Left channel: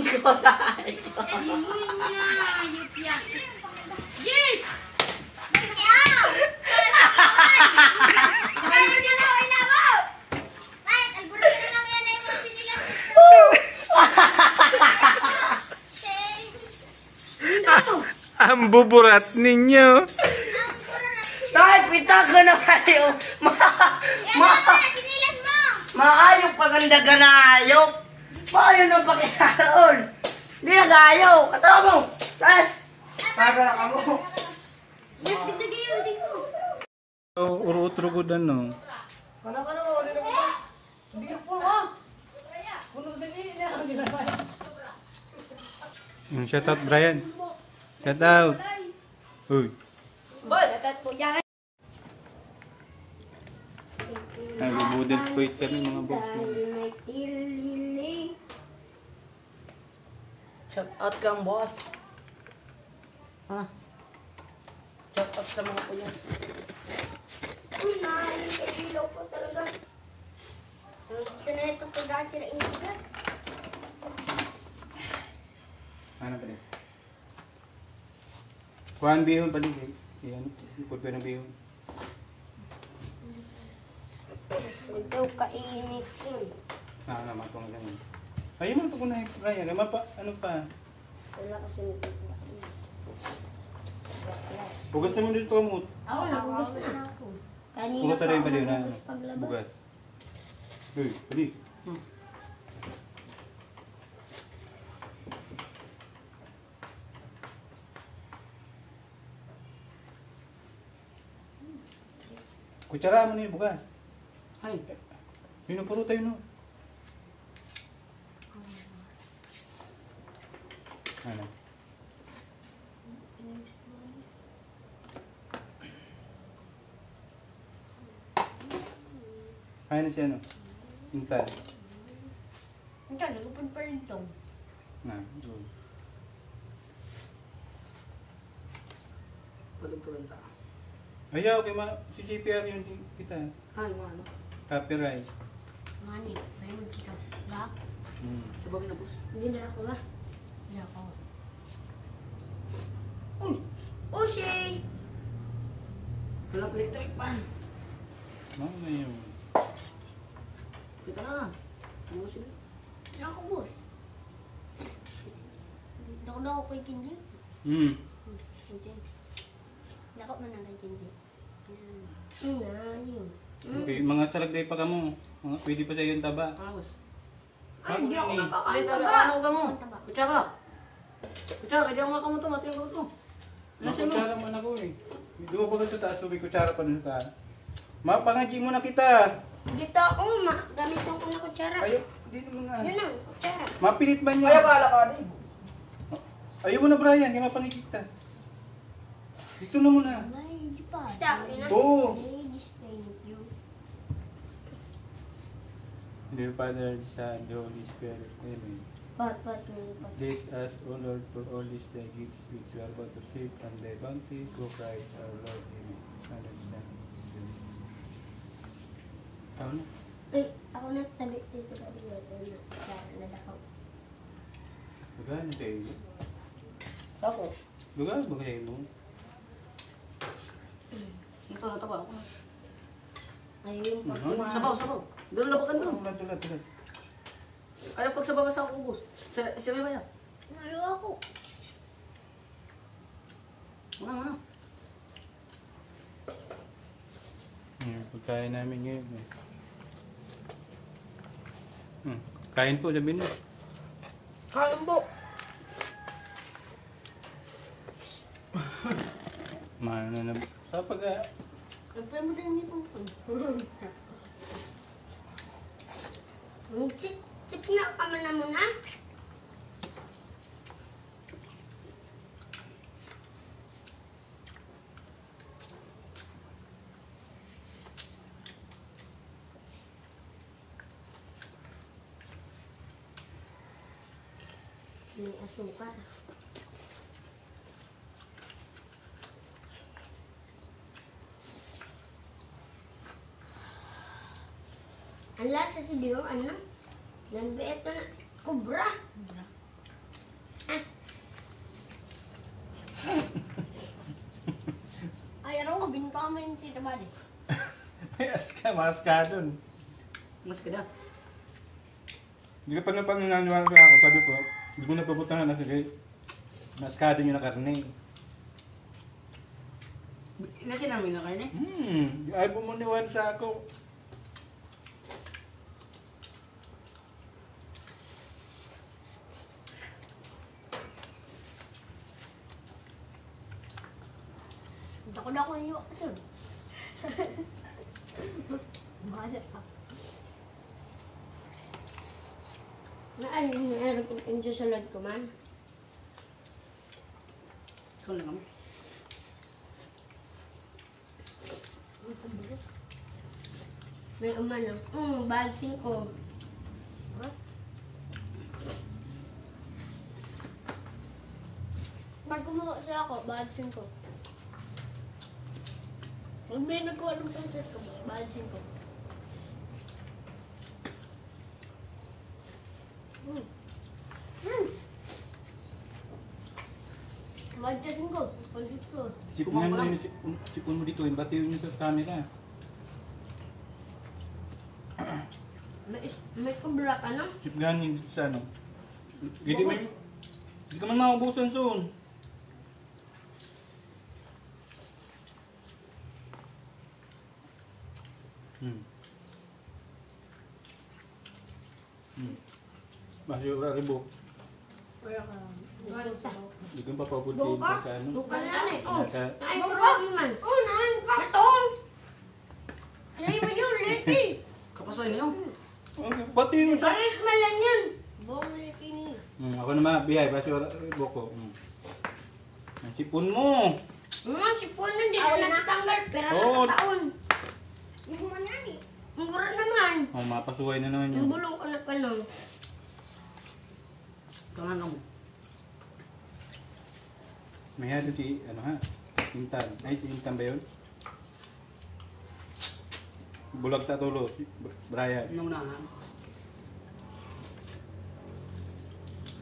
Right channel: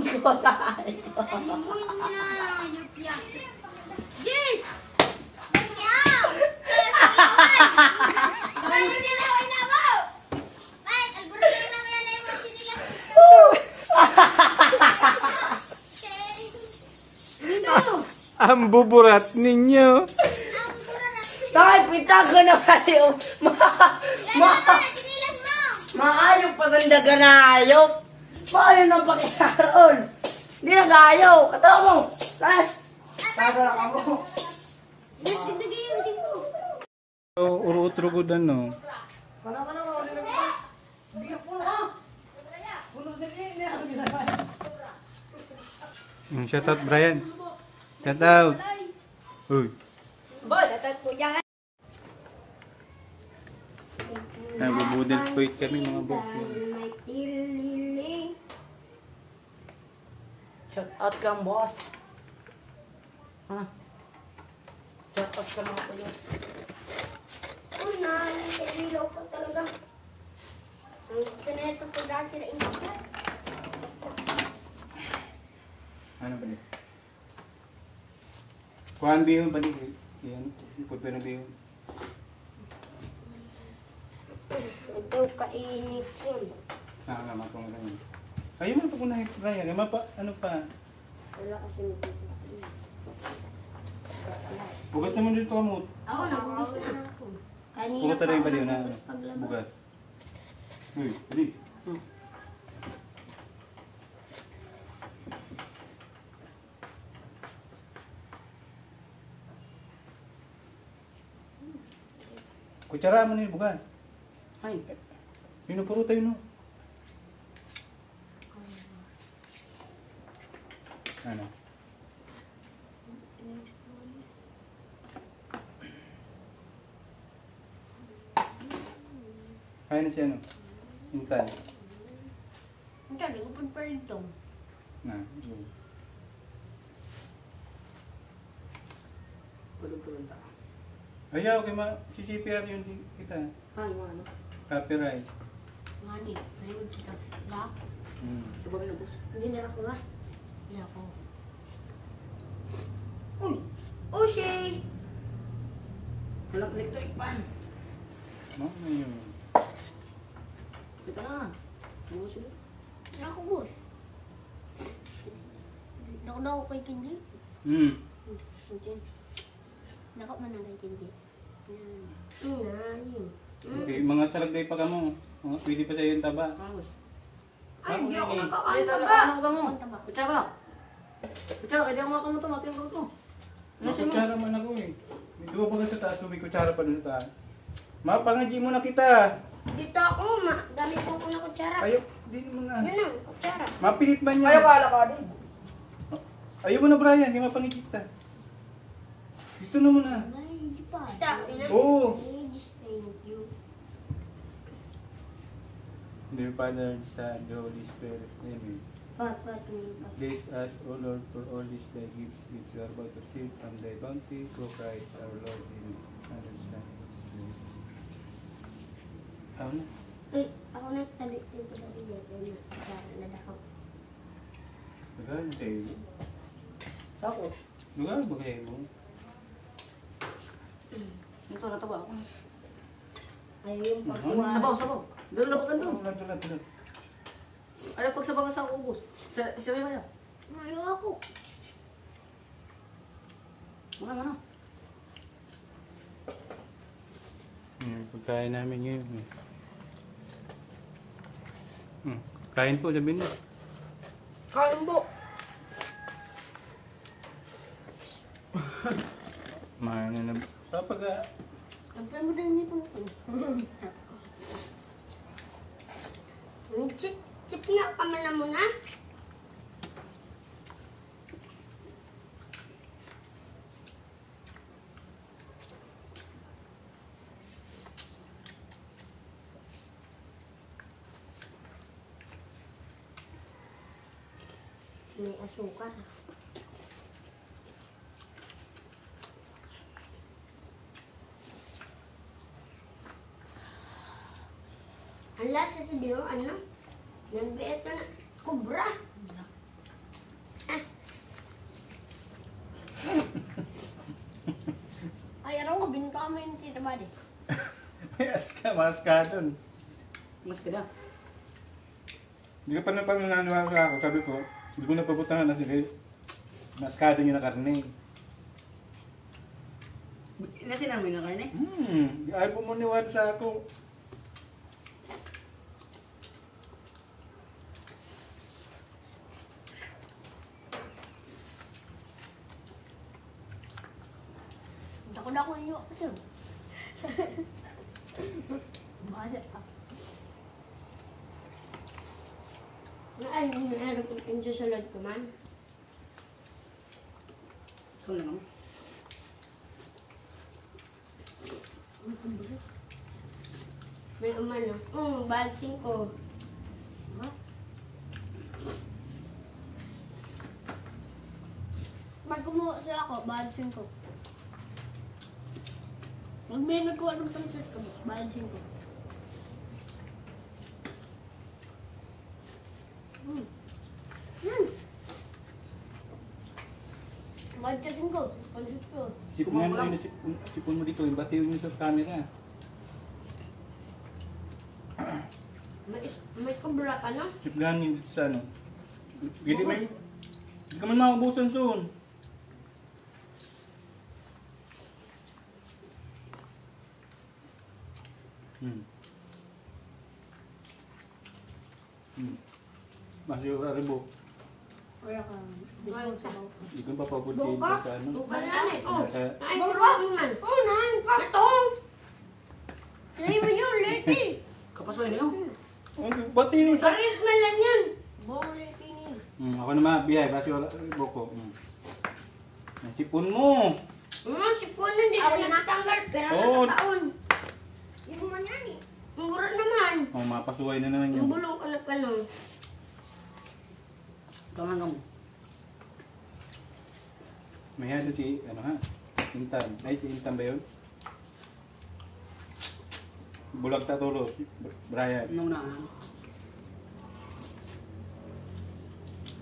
Limon na, yupya. Yes! Let's go! Ano niya na ako inabaw? Ay, alburo na lang yan ay mo sila. Ang buburat ninyo. Tay, pita ka na kayo. Maayok paganda ka na ayok. Maayo ng pakikaroon. Hindi na gayaw. Katawa mo. Tas. Para lang ako. Uro-utro ko dan no. Shout out Brian. Shout out. Uy. Boss, po yan. Nagbubudel fruit kami mga boss. Shout out kang boss. Ha? Shout out sa mga kuyos. Ilaw pa talaga. Ang ganito po dahil sila ingat. Ano ba rin? Kuhaan bihon pa rin. Yan. Pulpe ng bihon. Ito kainit sun. Naman itong ganyan. Ayun mo na pag unahin, Brian. Ano pa? Wala kasi nagtito. Bugas naman dito kamot. Ako, nagugas na ako. Kanina Bugat na rin ba ako din na? nagugas paglabas. Bugas. Uy, pwede. Kutsara mo na yung bugas. Ay. Yun puro tayo no. Ano? Kaya na siya no? Hintan. Hindi, nagupon pa rin ito. Na, doon. Walang tulong ta. Ayaw, kay CCPR yun kita. Ay, ano? Copyright. Mani, ngayon kita. Lak. Sa babi na boss. Hindi na ako ba? Hindi ako. Uy! Oshie! Walang electric fan. Mama yun. Kita na. Ano sila? Hindi ako, boss. Hindi ako daw kay Kindi. Hmm. Hindi ako man kay Kindi. Okay, mga saragday pa ka mo. Pwede pa sa iyo yung taba. Ah, boss. Ay, hindi ako Ay, ano ka mo? Kutsara. Kutsara, kaya di ako makamuto. Matiin ko ito. Ano siya mo? Kutsara man ako eh. Duwa pa ka sa taas, subi kutsara pa dun sa taas. Mapangaji mo na kita. Dito ako, gamitan ko na kutsara. Ayaw, di naman na. Yun ang kutsara. Mapilit man Ayaw niya. ka, alaka din. Ayaw mo na Brian, di mapangaji kita. Dito na muna. Ay, hindi pa. Stop. Oo. Just thank you. Dear Father, Son, the Holy Spirit, Amen. Pat. Bless us, O Lord, for all these thy gifts which we are about to receive from thy bounty, through Christ our Lord. Amen. Father, Son, Holy Spirit. Tao na. Ay, ako nagtalit dito sa dito na kutsara na dakaw. Magano tayo? Sako. Magano ba kayo? Ito, nataba ako. Ayun, pagkuha. Sabaw. Doon labakan doon. Tulat. Ayaw pagsabaw sa ako, boss. Siya ba yan? Ayaw ako. Ano? Pagkain namin ngayon. Kain po, sabihin mo. Kain po. Mahal na na. Kapag Kapag mo din niyo po. Chip na ka man na muna. May asukar. Ang lasa sa diyo, ano? Yan ba ito na? Kubra. Ay, araw ko, binunta kami yung tita Buddy. Mas ka dun. Mas ka na. Hindi ka pa na pangunaniwala sa ako. Sabi ko, hindi ko napabutahan na sige. Mas ka din yung nakarne. Nasinan mo yung karne? Ay pumuniwan sa ako. Dako-dako yung iwa ko siya. Bahala pa. Ay, meron kong enjoy sa lod ko man. Ikaw lang naman. May umano. Balsing ko. Ha? Pag kumuha siya ako, balsing ko. Pag may nagkuha ng princess ko, balsing ko. Balsing ko. Balsing ko. Sipon mo sipon mo dito. Bati mo sa camera. May kubra ka, no? Sipgan yung sa ano. Hindi ka man maubusan soon. Masih yung ribo. Kaya ka. Hindi ka papagod Buka? ka ano. Buka na eh. Oh. Naka- Ay, buka man. Oh, nain ka. Itong. Say mo yun, lady. Kapasoy niyo. Bati yung sa... Paris man lang yan. Buong lady ni. Ako naman, bihay. Basi wala ribo ko. Sipon mo. Sipon na, hindi ko natanggal. Pero Oo. nakataon. Hindi mo man yan eh. Ang mura naman. Mapasuway na naman Ang yan. bulong ko na pa no. Kamang mo. May hado si, ano ha? Intan. Ay, si Intan ba yun? Bulag Tatulo, si Brian. Ano mo na?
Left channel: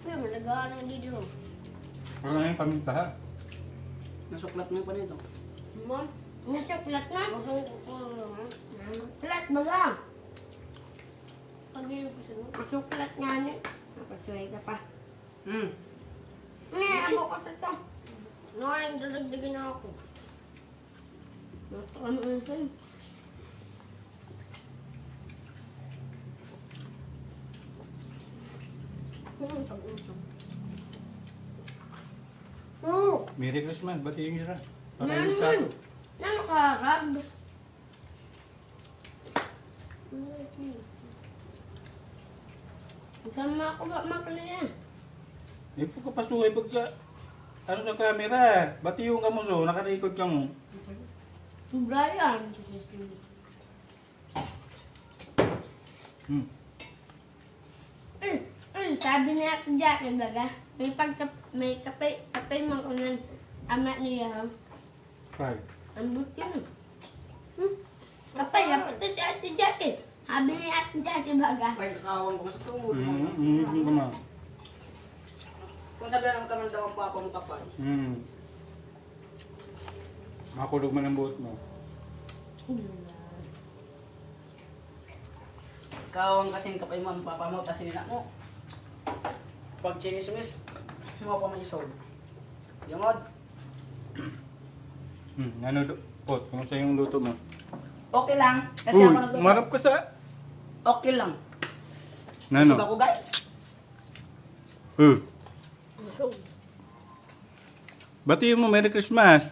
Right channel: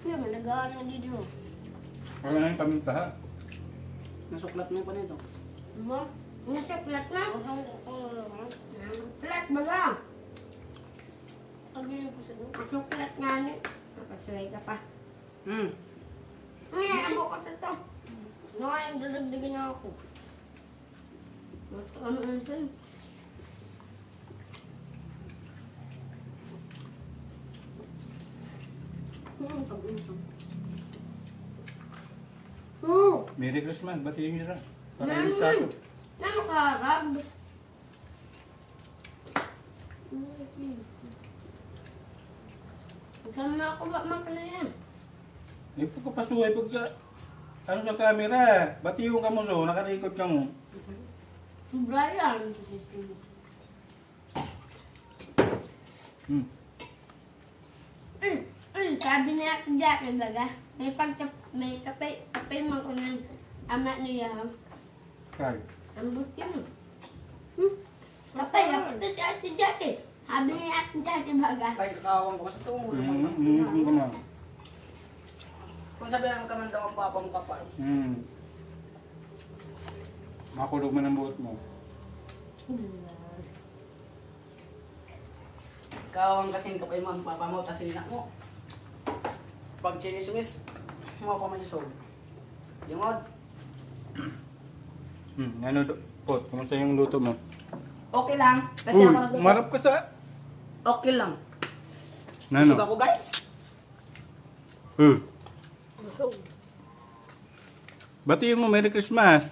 Kaya malagaan ang didi mo. Wala na yung paminta ha? Nasuklat mo pa nito. Mom, nasa plat na? Plat baga. Pag-iyo ko sa nung. Masuklat nga ni. Nakasuway ka pa. Ako ka sa to. Ngayon, dalagdagan na ako. Ano ito eh. Pag-uusap. Oh! Merry Christmas, batiin nyo siya. Para Naman! yung sato. Nakakarab! Sama ako ba makalaya? Eh, pagkapasuhay, pagka... Ano sa camera? Bati yung kamo so, nakarecord ka mo. Si Brian. Si Steve. Sabi niya ako dyan, baga, may kapay mo ko ng ama niya. Five. Ambot yan. Kapay, dapat na si Ate Jackie. Sabi niya Ate Jackie baga. Kahit kakawang ko sa tulo. Yung kama. Kung sabihan ka man daw ang papa mo kapal. Makulog man ang buhot mo. Kakawang kasing kapay mo ang papa mo, tapos nina mo. Pag chinismis, mo pa man isog. Yung odd. Ano pot? Kumusta yung luto mo? Okay lang. Kasi Uy, ako nagluto. marap ka sa... Okay lang. Nano? Sige ako guys. Batiin mo, Merry Christmas.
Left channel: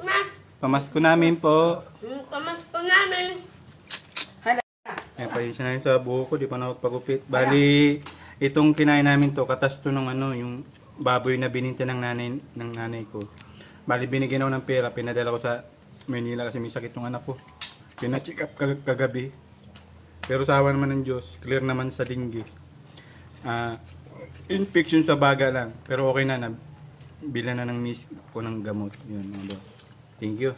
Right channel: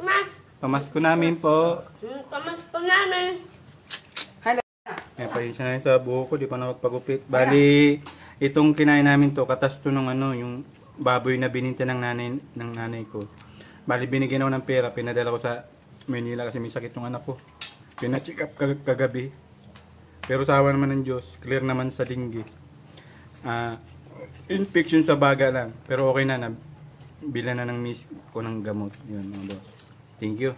Mas, Pamasko namin po. pamasko namin. Ay, pasensya na yun sa buho ko, di pa nakapagupit. Bali, itong kinain namin to, katas to ng ano, yung baboy na bininta ng nanay ko. Bali, binigyan ako ng pera, pinadala ko sa Manila kasi may sakit yung anak ko. Pina-check up kagabi. Pero sa awa naman ng Diyos, clear naman sa dinggi. Infection sa baga lang. Pero okay na, bila na ng miss ko ng gamot. Yun mga boss. Thank you.